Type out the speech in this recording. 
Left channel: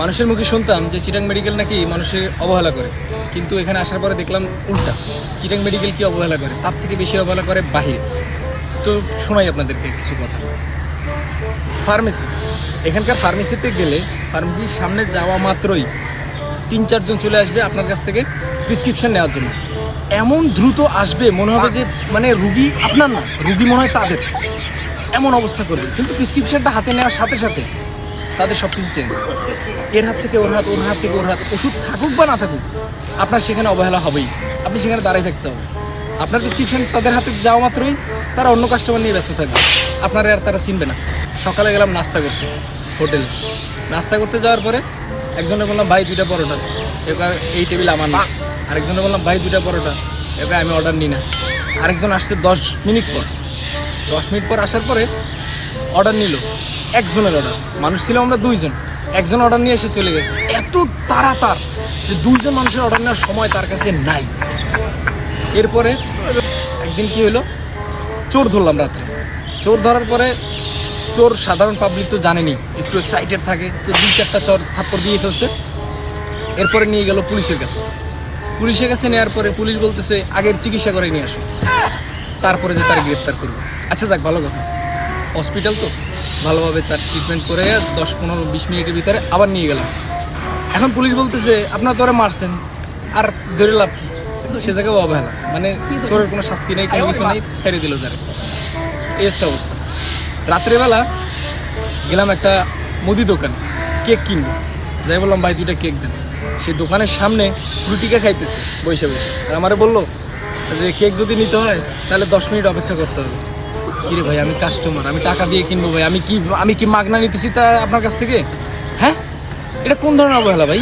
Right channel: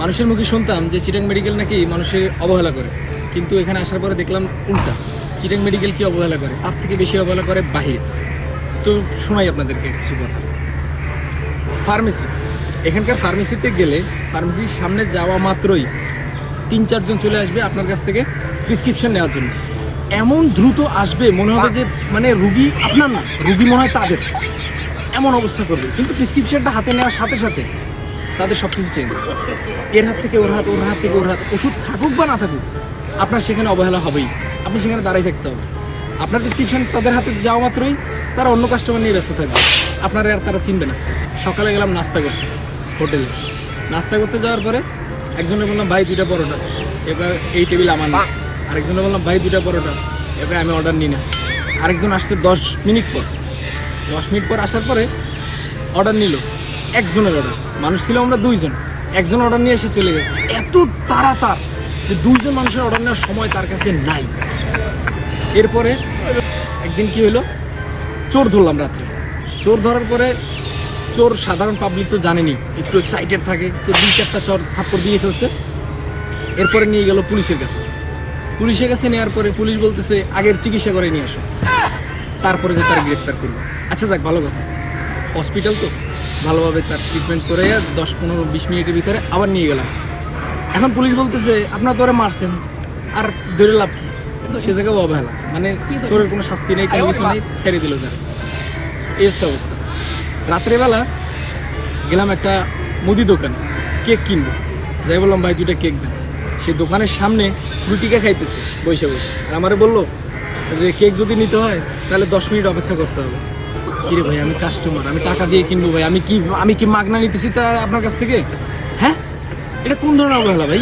মানুষের মুখে শুনতাম যে চিটাং মেডিকেল নাকি মানুষের অবহেলা করে, কিন্তু এখানে আসার পরে দেখলাম উল্টা। চিটাং মেডিকেল কি অবহেলা করে, তার থেকে বেশি অবহেলা করে বাহিরে। তো শোনাই আপনাদেরকে কিছু কথা। ফার্মেসি, এখানকার ফার্মেসিতে গেলে ফার্মেসির সামনে যাওয়া মাত্রই 3-4 জন চলে আসবে আপনার কাছ থেকে প্রেসক্রিপশন নেওয়ার জন্য। এমন দ্রুত আসবে মনে হবে যে মানে রুগী আপনার না, রুগী মনে হয় তাদের, এমন অবস্থা করবে। কিন্তু প্রেসক্রিপশনটা হাতে নেওয়ার সাথে সাথে তাদের সব কিছু চেঞ্জ। এর হাত থেকে ওর হাত, ওর হাত থেকে ওর হাত। ওষুধ থাকুক বা না থাকুক, আপনার সেখানে অবহেলা হবেই, আপনি সেখানে দাঁড়িয়ে থাকতে হবে। আপনার প্রেসক্রিপশন তাদের হাতে যাওয়া মাত্রই তারা অন্য কাস্টমার নিয়ে ব্যস্ত থাকবে, আপনারা আর তারা চিনবে না। সকালে গেলাম নাস্তা করতে হোটেলে, নাস্তা করতে যাওয়ার পরে একজনে বললাম ভাই 2টা পরোটা, এবার এই টেবিল আমার না। আরেকজনে বললাম ভাই 2টা পরোটা, এবার আমি অর্ডার নিই না। আরেকজন আসছে 10 মিনিট পর, 10 মিনিট পর আসার পরে অর্ডার নিল, একজনের অর্ডার, মানুষ ছিলাম আমরা 2 জন, একজন অর্ডার নিয়ে এসে চলে গেছে। এত তাড়াতাড়ি যে 2 জন মানুষের অর্ডার নেওয়ার সময় তার কাছে নাই। এরপরে একদিন কি হলো, চোর ধরলাম রাত্রে। চোর ধরার পরে চোর সাধারণ পাবলিক তো জানেনি, একটু এক্সাইটেড থাকে, তো 2-4টা চোর থাপ্পড় দিয়ে ফেলছে। এরপরে নিয়ে গেল পুলিশের কাছে। পুলিশের কাছে নেওয়ার পরে পুলিশ বলতেছে আগের চিকিৎসা করে নিয়ে আসো, তারপরে যে তার গ্রেপ্তার করবে। আচ্ছা যাক, ভালো কথা, হসপিটাল তো ভালোভাবে তার ট্রিটমেন্ট করে 10-15-20 মিনিটের ভিতরে আবার নিয়ে গেলাম। এখন পুলিশ বলতেছে আপনারা তো ওরা মারছেন, আর ধরে লাভ কি? সে জায়গায় অবহেলা, মানে চোরের কোনো শাস্তি নেই, কোনো কিছু নেই, ছেড়ে দিল তারা। এই হচ্ছে অবস্থা। রাত্রেবেলা গেলাম একটা মুদি দোকানে, কেক কিনবো, যাই বললাম ভাই 2টা কেক দেন। সেই দোকানের সামনে ফ্রুটিকা খাইতেছে বসে বসে। আমারে বললো যে কেক যদি নিতে হয় তাহলে 10 মিনিট অপেক্ষা করতে হবে। কিরে ভাই, আমি কাস্টমার, আমি টাকা দিয়ে কিনবো ভাই, আমি কি মাগনা নিতেছি তা আপনার কাছ থেকে? হ্যাঁ, এটা কোন ধরনের অবহেলা ভাই?